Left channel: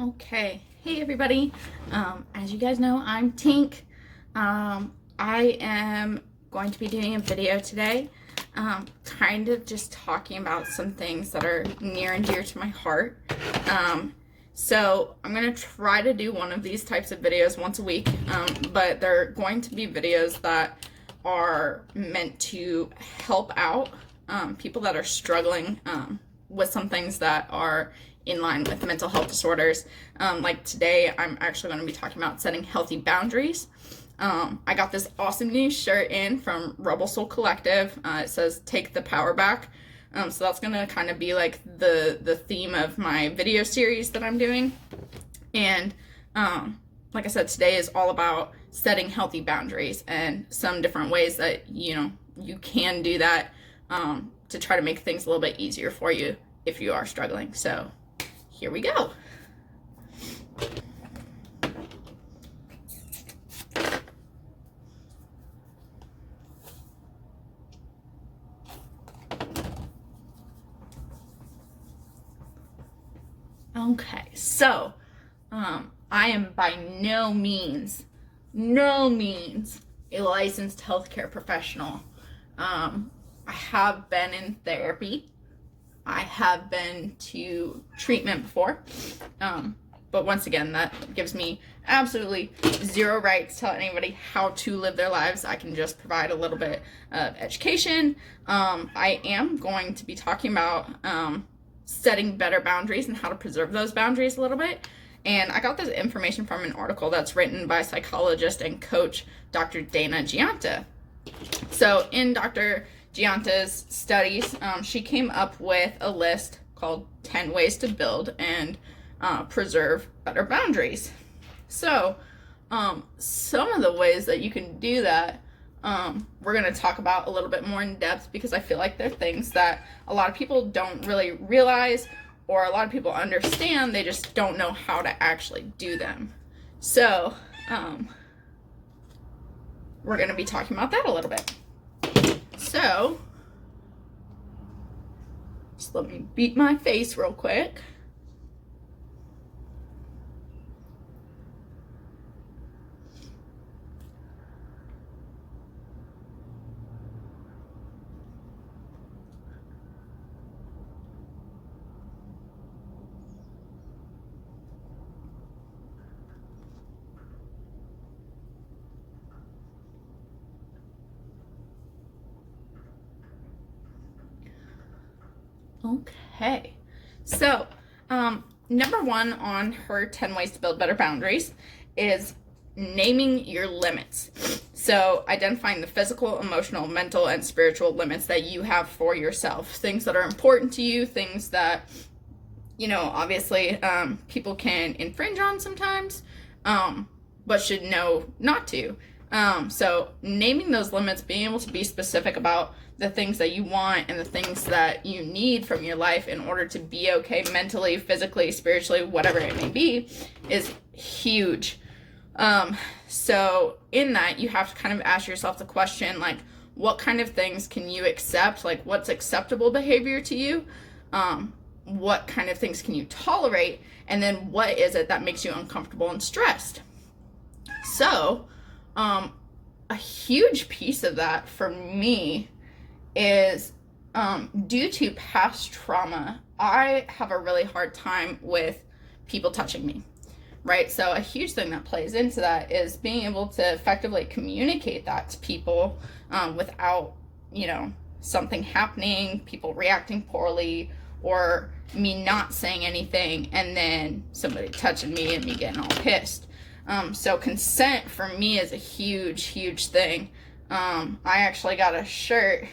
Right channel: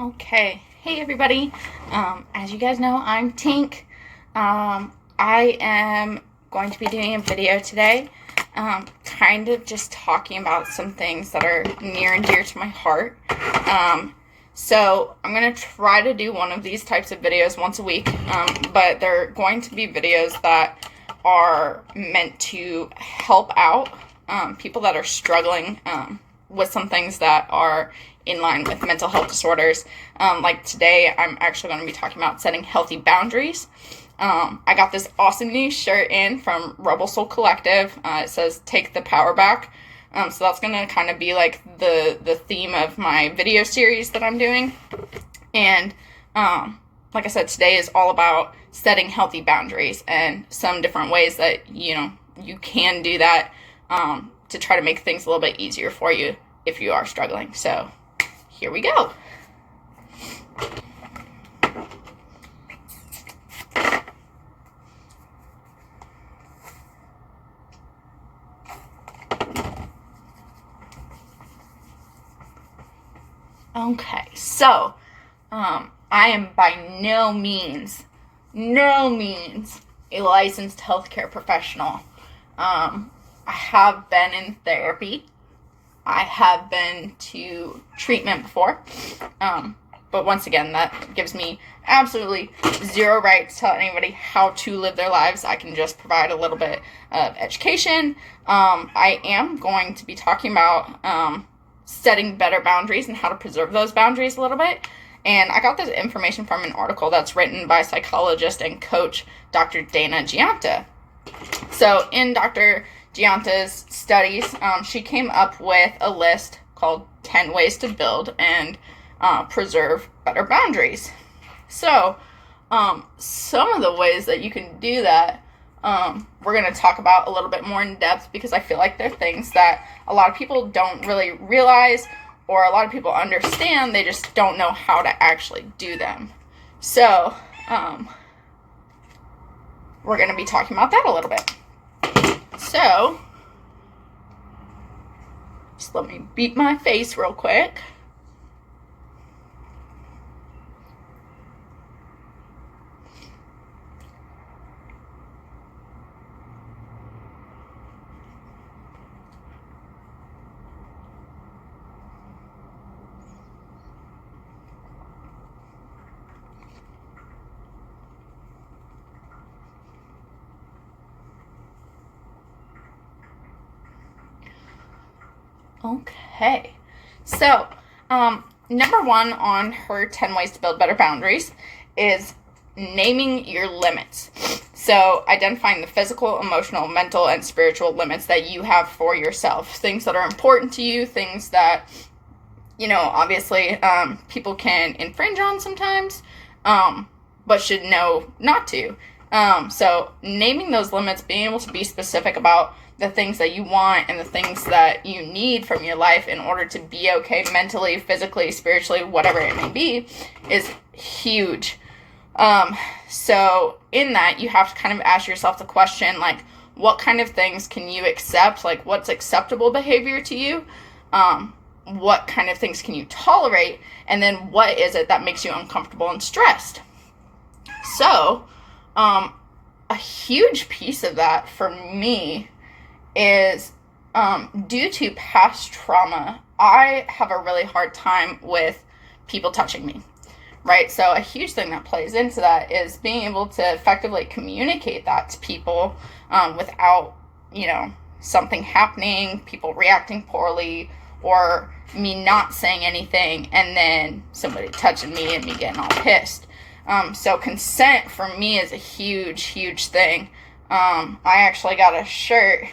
Okay, hey everybody. As you guys know, I'm Tink. I am going to be doing a video today, kind of just talking about some things that are near and dear to my heart. So I'm going to try to do one of these types of videos once a week, but they're going to be videos that are meant to help out people that are struggling with some things that are in line with mental health disorders. Like today, I'm actually going to be talking about setting healthy boundaries. I got this awesome new shirt in from Rebel Soul Collective. It says "Take the Power Back." So that's going to kind of be like the theme of my video series that I'm doing. And like I said, today is all about setting healthy boundaries and some different ways that you can do that to try to make things a little bit easier for you if you are struggling. So here we go. Okay, so I am by no means a licensed healthcare professional. I have been in therapy. I have been to treatment before. But once again, that gives me absolutely zero right to tell anybody how to live their lives. I can just provide a little bit of education. I am going to be talking about setting better boundaries and how to preserve those boundaries a little bit. And I got this information from an article that's written by psychologist and coach Dr. Dana Giunta. So in Dr. Giunta's studies, she came up with a list called 10 ways to build and preserve better boundaries. So some of the ways that you can do that, we're going to talk about a little bit more in depth, because I feel like they're things that a lot of people don't really realize, or a lot of people understand, they just don't know how to actually do them. So we're going to be talking about that a little bit. So just let me beat my face real quick. Okay, so number one on her 10 ways to build better boundaries is naming your limits. So identifying the physical, emotional, mental, and spiritual limits that you have for yourself. Things that are important to you, things that, obviously people can infringe on sometimes, but should know not to. So naming those limits, being able to be specific about the things that you want and the things that you need from your life in order to be okay mentally, physically, spiritually, whatever it may be, is huge. So in that, you have to kind of ask yourself the question, like, what kind of things can you accept? Like, what's acceptable behavior to you? What kind of things can you tolerate? And then what is it that makes you uncomfortable and stressed? So, a huge piece of that for me is due to past trauma, I have a really hard time with people touching me, right? So a huge thing that plays into that is being able to effectively communicate that to people without, something happening, people reacting poorly, or me not saying anything and then somebody touching me and me getting all pissed. So consent for me is a huge, huge thing. I actually got a shirt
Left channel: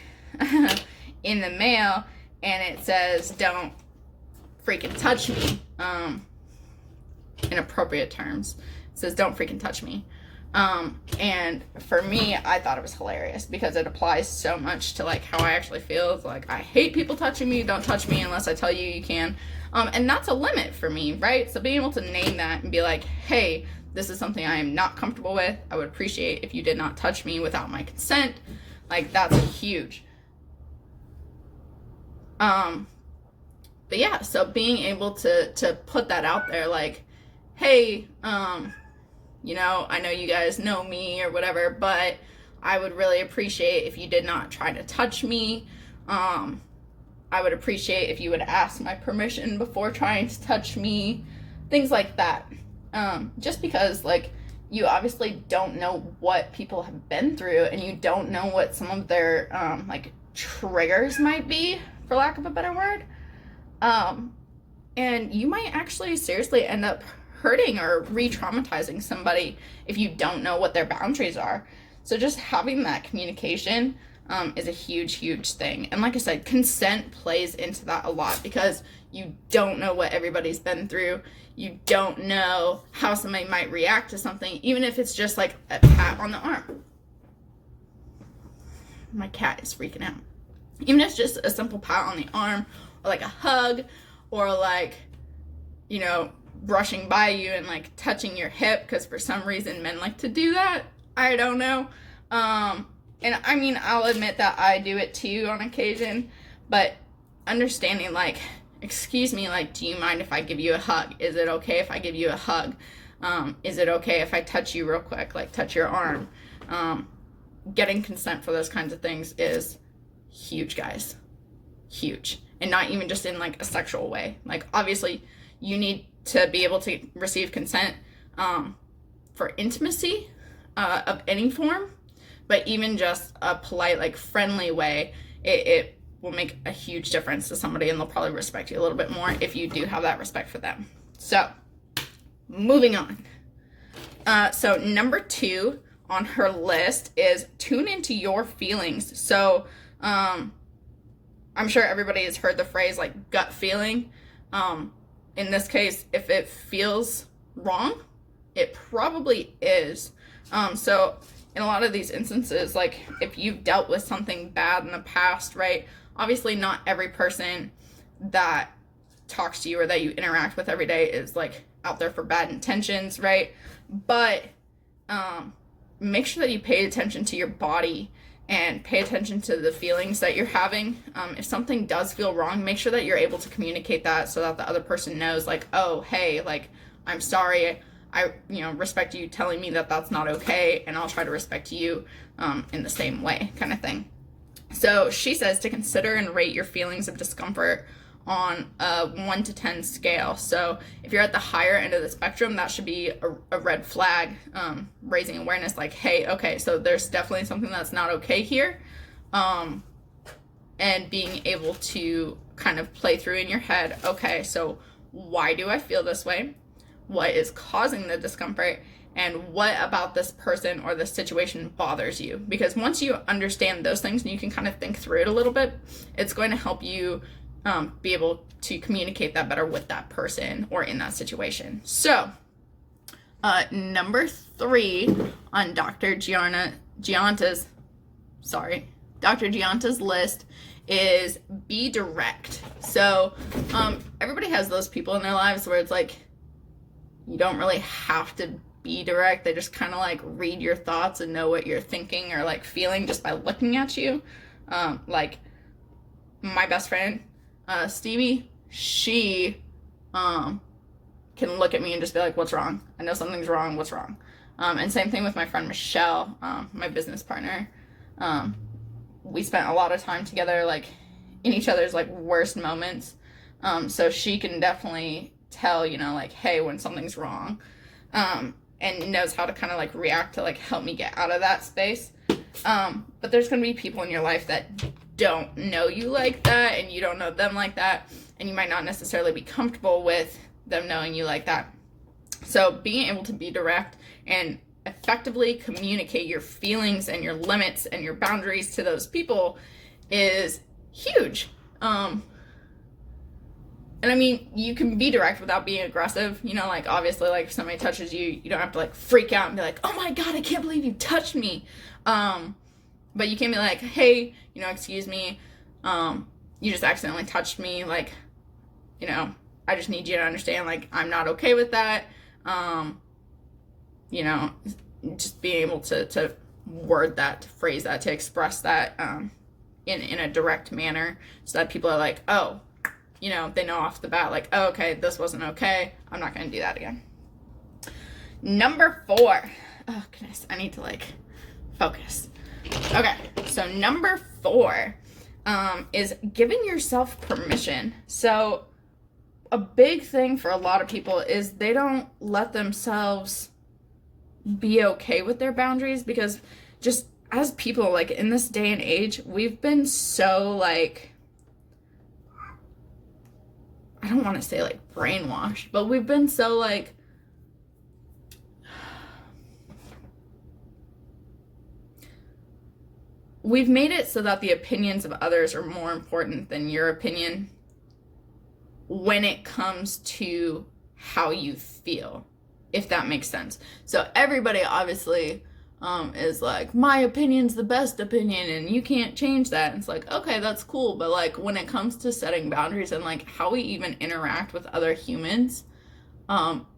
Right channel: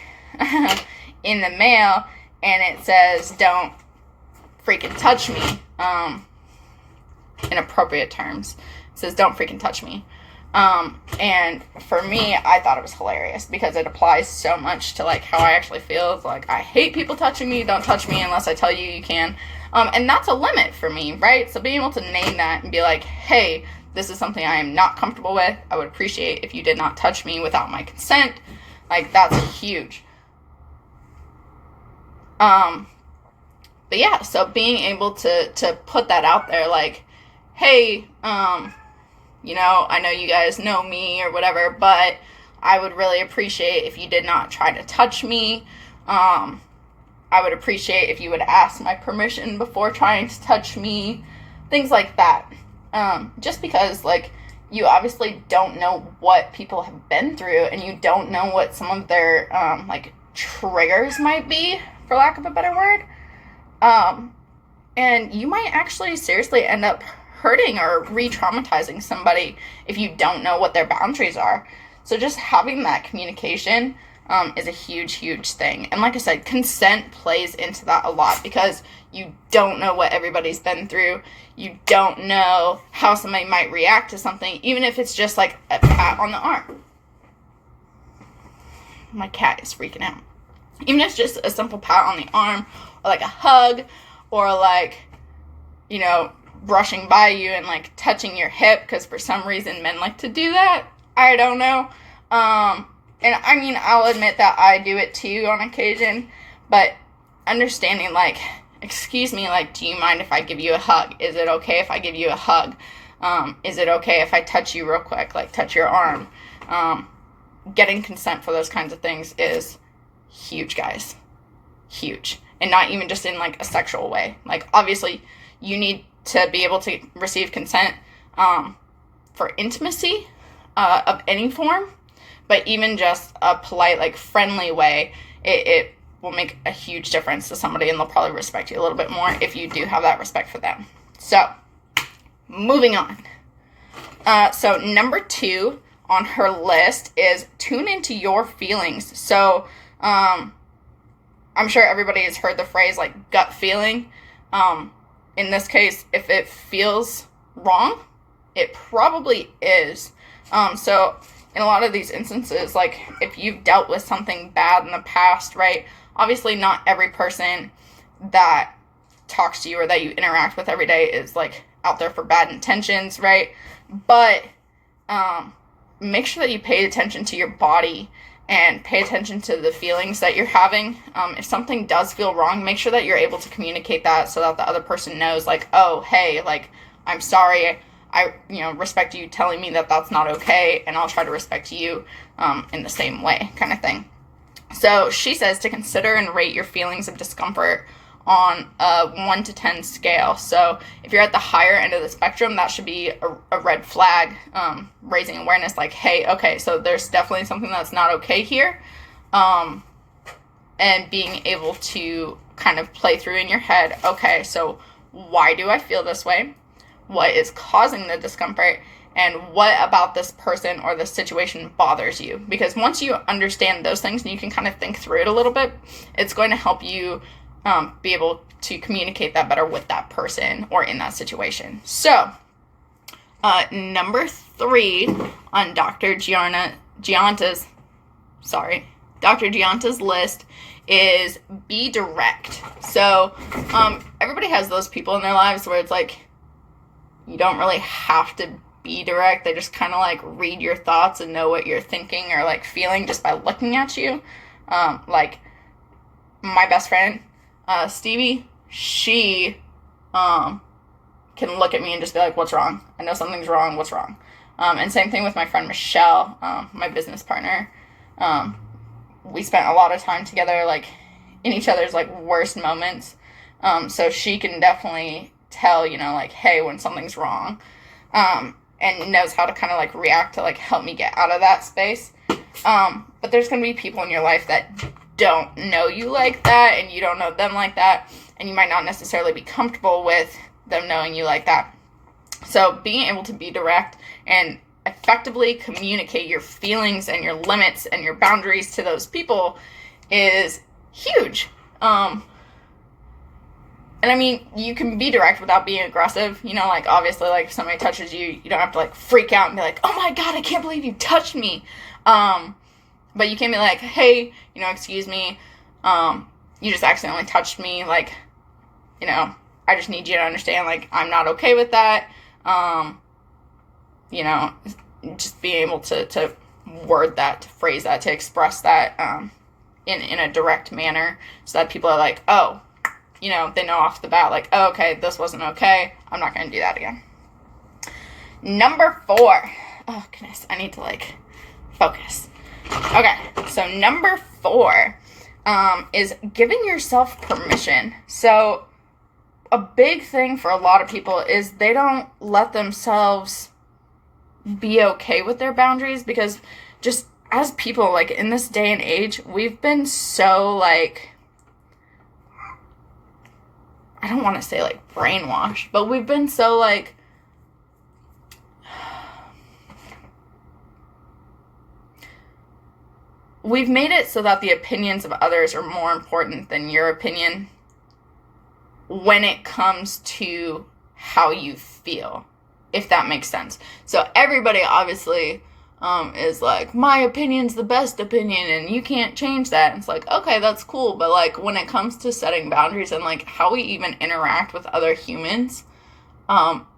in the mail and it says, "Don't freaking touch me," in appropriate terms. It says, "Don't freaking touch me." And for me, I thought it was hilarious because it applies so much to like how I actually feel. It's like, I hate people touching me. Don't touch me unless I tell you you can. And that's a limit for me, right? So being able to name that and be like, hey, this is something I am not comfortable with. I would appreciate if you did not touch me without my consent. Like, that's huge. But yeah, so being able to put that out there, like, hey, I know you guys know me or whatever, but I would really appreciate if you did not try to touch me. I would appreciate if you would ask my permission before trying to touch me. Things like that. Just because, like, you obviously don't know what people have been through, and you don't know what some of their, triggers might be, for lack of a better word. And you might actually seriously end up hurting or re-traumatizing somebody if you don't know what their boundaries are. So just having that communication is a huge, huge thing. And like I said, consent plays into that a lot because you don't know what everybody's been through. You don't know how somebody might react to something, even if it's just like a pat on the arm. My cat is freaking out. Even if it's just a simple pat on the arm, or like a hug, or like, brushing by you and like touching your hip, because for some reason men like to do that. I don't know. And I mean, I'll admit that I do it too on occasion, but understanding, like, excuse me, like, do you mind if I give you a hug? Is it okay if I give you a hug? Is it okay if I touch you real quick, like touch your arm? Getting consent for those kinds of things is huge, guys. Huge. And not even just in like a sexual way. Like, obviously you need to be able to receive consent for intimacy of any form, but even just a polite, like, friendly way, it will make a huge difference to somebody, and they'll probably respect you a little bit more if you do have that respect for them. So, moving on. So number 2 on her list is tune into your feelings. So, I'm sure everybody has heard the phrase, like, gut feeling. In this case, if it feels wrong, it probably is. So in a lot of these instances, like, if you've dealt with something bad in the past, right, obviously not every person that talks to you or that you interact with every day is, like, out there for bad intentions, right? But make sure that you pay attention to your body and pay attention to the feelings that you're having. If something does feel wrong, make sure that you're able to communicate that so that the other person knows, like, oh, hey, like, I'm sorry. I respect you telling me that that's not okay, and I'll try to respect you in the same way, kind of thing. So she says to consider and rate your feelings of discomfort on a 1 to 10 scale. So if you're at the higher end of the spectrum, that should be a red flag, raising awareness, like, hey, okay, so there's definitely something that's not okay here. And being able to kind of play through in your head, okay, so why do I feel this way? What is causing the discomfort, and what about this person or this situation bothers you? Because once you understand those things and you can kind of think through it a little bit, it's going to help you be able to communicate that better with that person or in that situation. So, number 3 on Dr. Gianta's list is be direct. So, everybody has those people in their lives where it's like, you don't really have to be direct. They just kind of like read your thoughts and know what you're thinking or like feeling just by looking at you. Like my best friend, Stevie, she can look at me and just be like, what's wrong? I know something's wrong. What's wrong? And same thing with my friend Michelle, my business partner. We spent a lot of time together, like in each other's like worst moments. So she can definitely tell, like, hey, when something's wrong, and knows how to kind of like react to like help me get out of that space. But there's going to be people in your life that don't know you like that, and you don't know them like that, and you might not necessarily be comfortable with them knowing you like that. So being able to be direct and effectively communicate your feelings and your limits and your boundaries to those people is huge. And I mean, you can be direct without being aggressive, like, obviously, like, if somebody touches you, you don't have to, like, freak out and be like, oh my god, I can't believe you touched me. But you can be like, hey, excuse me, you just accidentally touched me, like, I just need you to understand, like, I'm not okay with that. Just being able to word that, to phrase that, to express that in a direct manner so that people are like, oh, they know off the bat, like, oh, okay, this wasn't okay. I'm not going to do that again. Number 4. Oh, goodness. I need to, focus. Okay. So, number 4 is giving yourself permission. So, a big thing for a lot of people is they don't let themselves be okay with their boundaries, because just as people, in this day and age, we've been so, I don't want to say, brainwashed, but we've been so, we've made it so that the opinions of others are more important than your opinion when it comes to how you feel, if that makes sense. So everybody obviously is like, my opinion's the best opinion and you can't change that. And it's like, okay, that's cool. But when it comes to setting boundaries and how we even interact with other humans,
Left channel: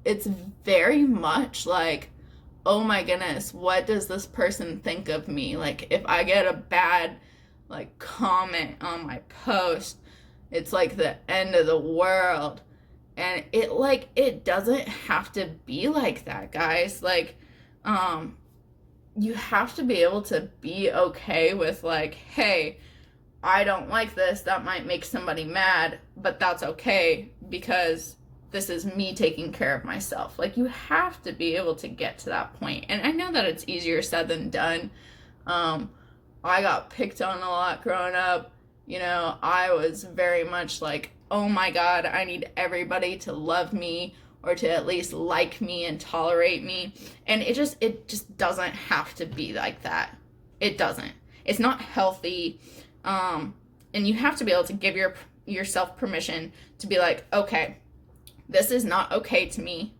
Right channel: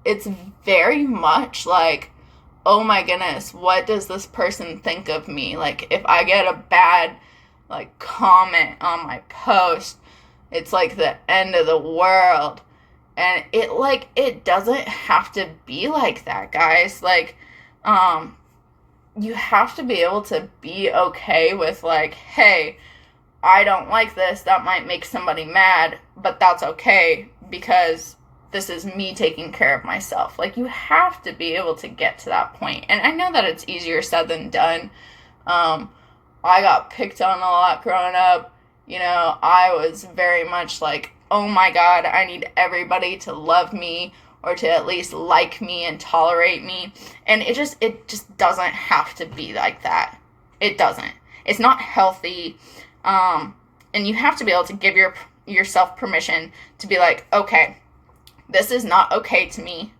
it's very much oh my goodness, what does this person think of me? If I get a bad comment on my post, it's the end of the world. And it doesn't have to be like that, guys. You have to be able to be okay with hey, I don't like this. That might make somebody mad, but that's okay because this is me taking care of myself. You have to be able to get to that point. And I know that it's easier said than done. I got picked on a lot growing up. I was very much oh my God, I need everybody to love me or to at least like me and tolerate me. And it just doesn't have to be like that. It doesn't. It's not healthy. And you have to be able to give yourself permission to be okay, this is not okay to me.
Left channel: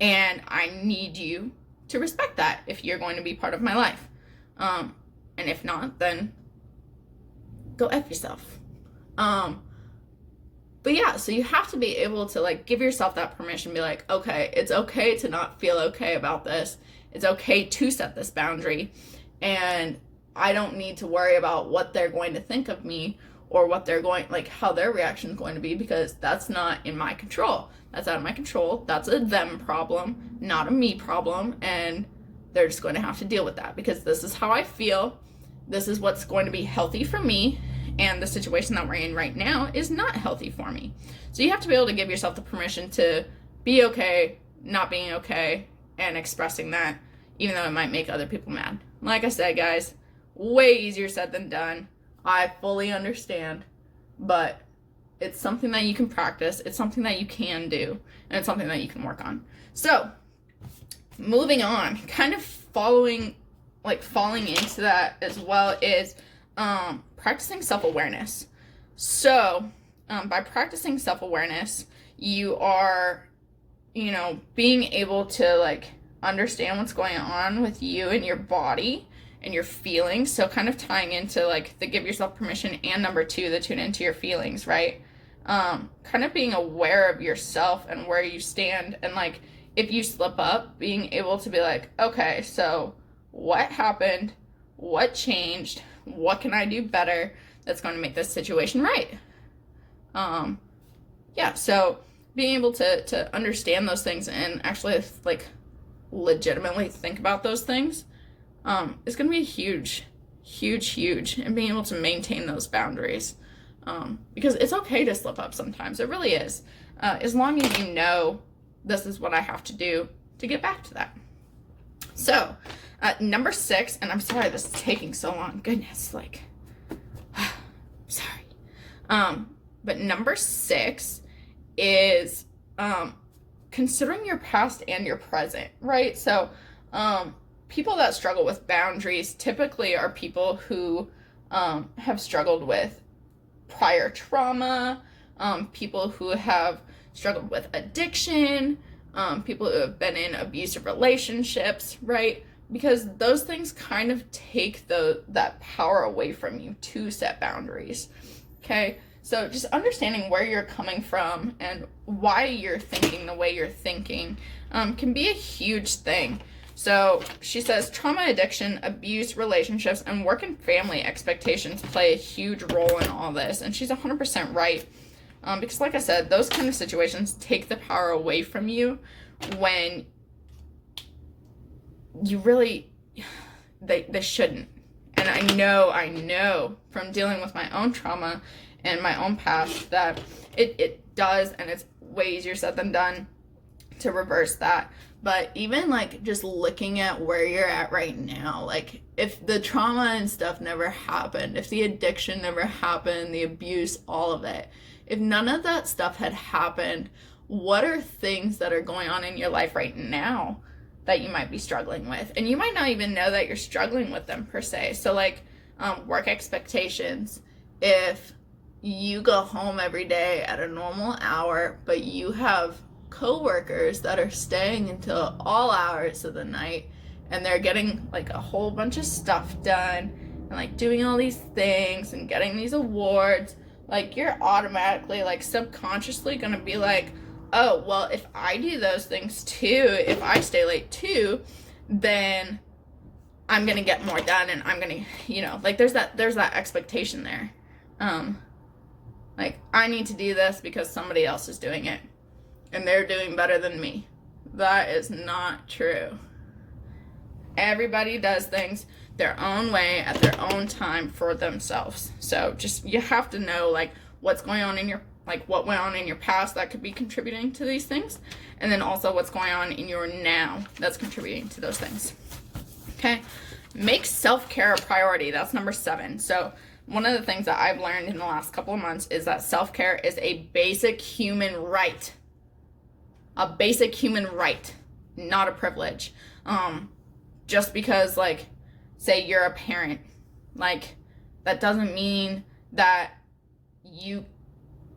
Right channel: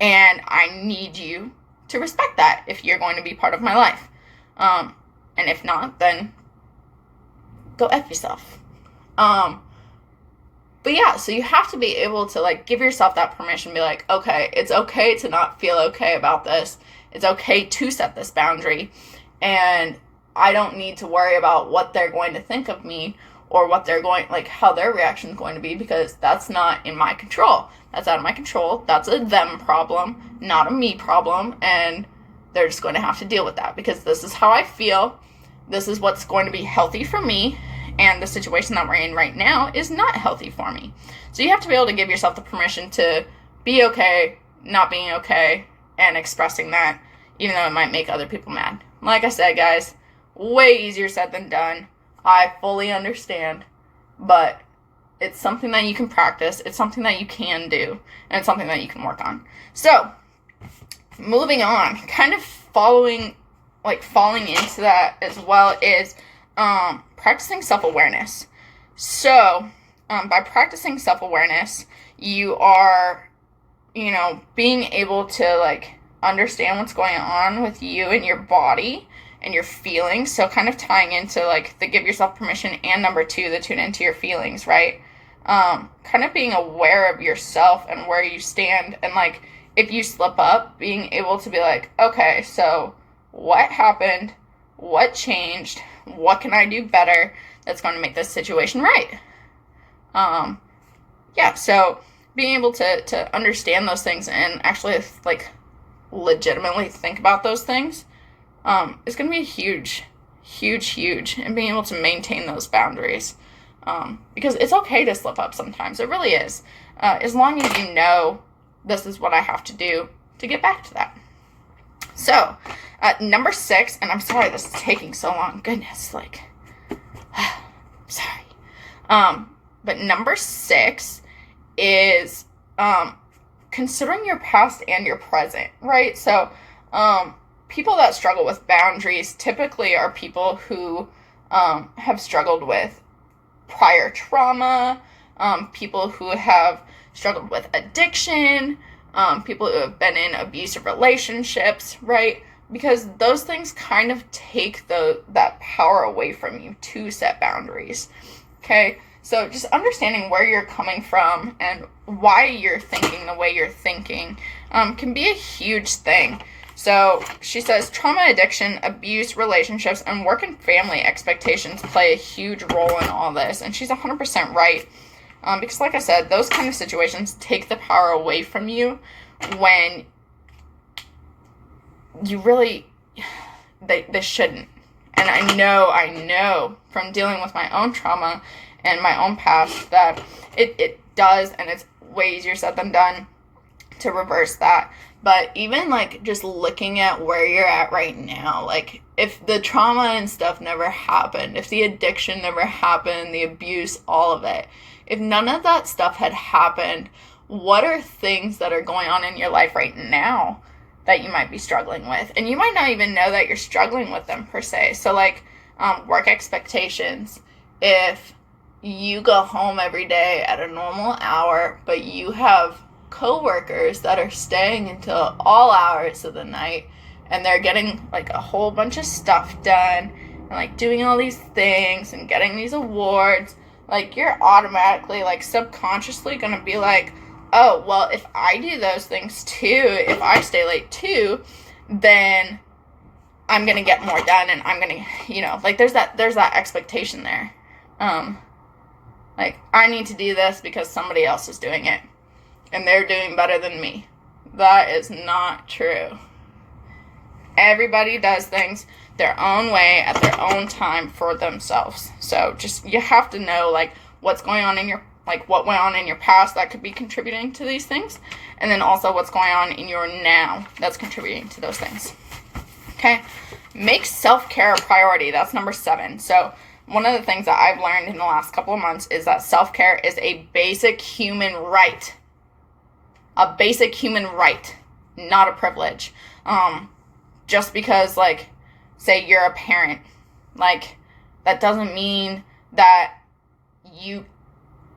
And I need you to respect that if you're going to be part of my life. And if not, then go F yourself. But yeah, so you have to be able to give yourself that permission, be okay, it's okay to not feel okay about this. It's okay to set this boundary. And I don't need to worry about what they're going to think of me or what they're going, how their reaction is going to be, because that's not in my control. That's out of my control. That's a them problem, not a me problem. And they're just going to have to deal with that because this is how I feel. This is what's going to be healthy for me. And the situation that we're in right now is not healthy for me. So you have to be able to give yourself the permission to be okay, not being okay, and expressing that, even though it might make other people mad. Like I said, guys, way easier said than done. I fully understand, but it's something that you can practice. It's something that you can do, and it's something that you can work on. So, moving on, kind of falling into that as well is practicing self-awareness. So, by practicing self-awareness, you are, being able to, understand what's going on with you and your body and your feelings. So, kind of tying into, the give yourself permission and number 2, the tune into your feelings, right? Kind of being aware of yourself and where you stand. And, if you slip up, being able to be okay, so what happened? What changed? What can I do better that's going to make this situation right? So being able to understand those things and actually legitimately think about those things is going to be huge, and being able to maintain those boundaries, because it's okay to slip up sometimes. It really is, as long as you know this is what I have to do to get back to that. So number 6, and I'm sorry this is taking so long, goodness, sorry. But number 6 is considering your past and your present, right? So people that struggle with boundaries typically are people who have struggled with prior trauma, people who have struggled with addiction, people who have been in abusive relationships, right? Because those things kind of take that power away from you to set boundaries, okay? So just understanding where you're coming from and why you're thinking the way you're thinking can be a huge thing. So she says trauma, addiction, abuse, relationships, and work and family expectations play a huge role in all this. And she's 100% right. Because like I said, those kind of situations take the power away from you when you really, they shouldn't. And I know from dealing with my own trauma and my own past that it does, and it's way easier said than done to reverse that. But even like just looking at where you're at right now, like if the trauma and stuff never happened, if the addiction never happened, the abuse, all of it, if none of that stuff had happened, what are things that are going on in your life right now that you might be struggling with? And you might not even know that you're struggling with them per se. So like work expectations. If you go home every day at a normal hour, but you have coworkers that are staying until all hours of the night, and they're getting like a whole bunch of stuff done and like doing all these things and getting these awards, like you're automatically like subconsciously gonna be like, oh, well, if I do those things too, if I stay late too, then I'm gonna get more done, and I'm gonna, like there's that expectation there. Like I need to do this because somebody else is doing it and they're doing better than me. That is not true. Everybody does things their own way at their own time for themselves. So just, you have to know like what's going on in your, like what went on in your past that could be contributing to these things, and then also what's going on in your now that's contributing to those things. Okay, make self-care a priority. That's number 7. So one of the things that I've learned in the last couple of months is that self-care is a basic human right. A basic human right, not a privilege. Just because, like, say you're a parent, like, that doesn't mean that you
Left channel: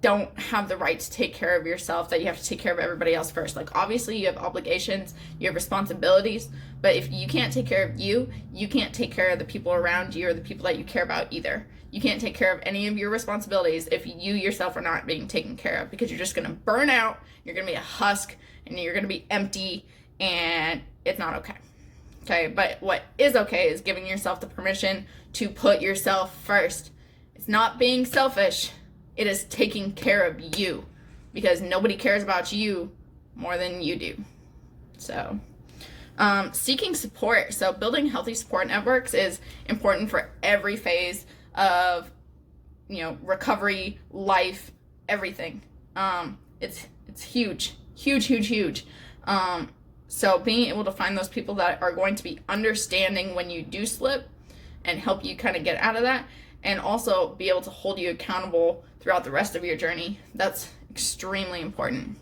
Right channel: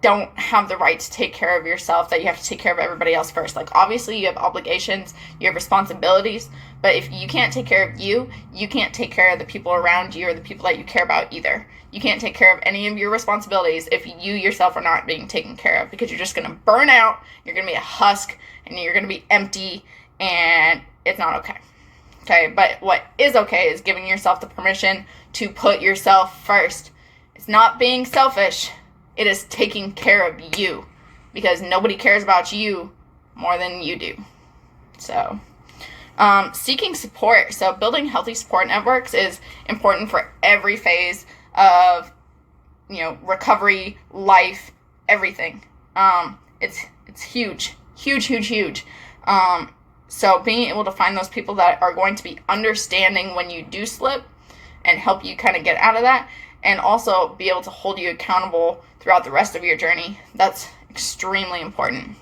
don't have the right to take care of yourself, that you have to take care of everybody else first. Like, obviously you have obligations, you have responsibilities, but if you can't take care of you, you can't take care of the people around you or the people that you care about either. You can't take care of any of your responsibilities if you yourself are not being taken care of, because you're just going to burn out, you're going to be a husk, and you're going to be empty, and it's not okay. Okay, but what is okay is giving yourself the permission to put yourself first. It's not being selfish. It is taking care of you, because nobody cares about you more than you do. So, seeking support. So building healthy support networks is important for every phase of, recovery, life, everything. It's huge. So being able to find those people that are going to be understanding when you do slip and help you kind of get out of that, and also be able to hold you accountable throughout the rest of your journey. That's extremely important.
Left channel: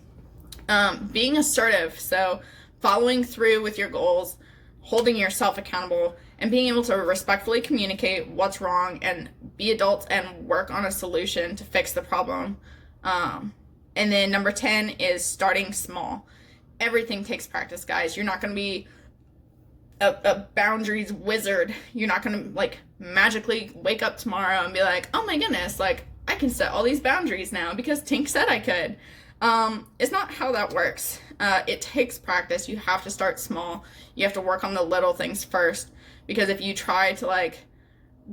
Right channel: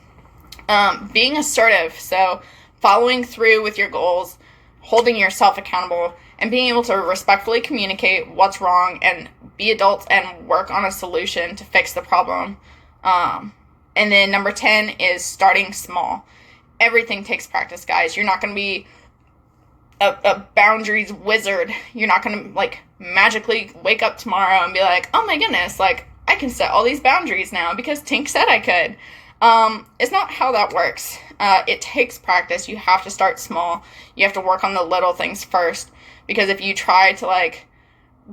Being assertive, so following through with your goals, holding yourself accountable, and being able to respectfully communicate what's wrong and be adults and work on a solution to fix the problem. And then number 10 is starting small. Everything takes practice, guys. You're not going to be a boundaries wizard. You're not going to like magically wake up tomorrow and be like, oh my goodness, like I can set all these boundaries now because Tink said I could. It's not how that works. It takes practice. You have to start small. You have to work on the little things first, because if you try to like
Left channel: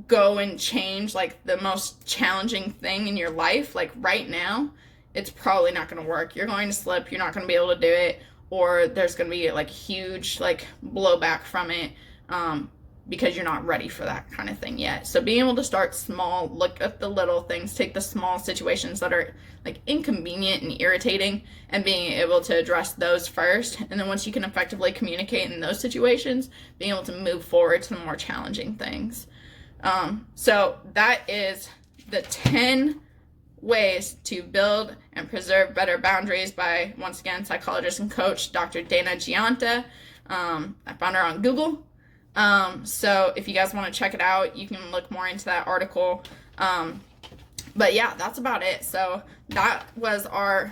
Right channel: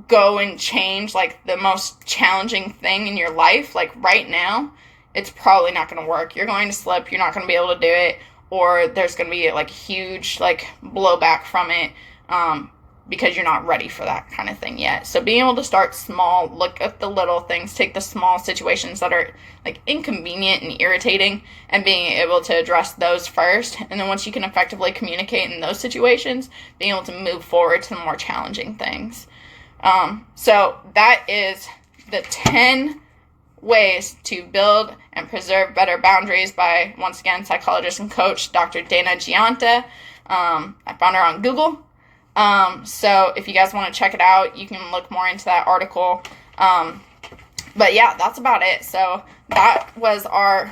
go and change like the most challenging thing in your life, like right now, it's probably not going to work. You're going to slip. You're not going to be able to do it, or there's going to be like huge like blowback from it, because you're not ready for that kind of thing yet. So being able to start small, look at the little things, take the small situations that are like inconvenient and irritating, and being able to address those first. And then once you can effectively communicate in those situations, being able to move forward to more challenging things. So that is the 10 ways to build and preserve better boundaries by, once again, psychologist and coach Dr. Dana Gianta. I found her on Google. So if you guys want to check it out, you can look more into that article. But yeah, that's about it. So that was our,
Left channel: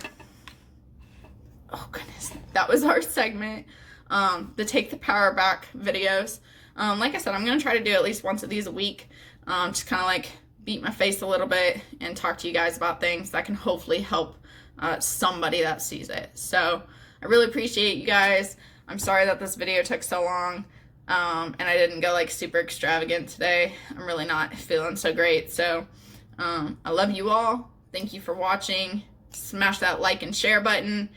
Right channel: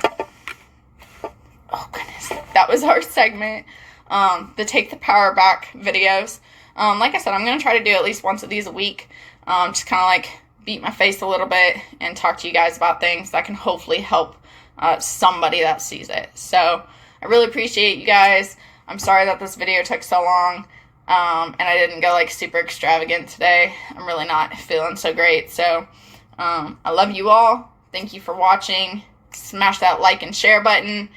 that was our segment, the Take the Power Back videos. Like I said, I'm going to try to do at least once of these a week. Just kind of like beat my face a little bit and talk to you guys about things that can hopefully help somebody that sees it. So I really appreciate you guys. I'm sorry that this video took so long, and I didn't go like super extravagant today. I'm really not feeling so great. So I love you all. Thank you for watching. Smash that like and share button,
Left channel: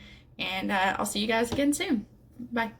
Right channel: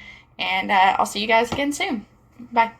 And I'll see you guys again soon. Bye.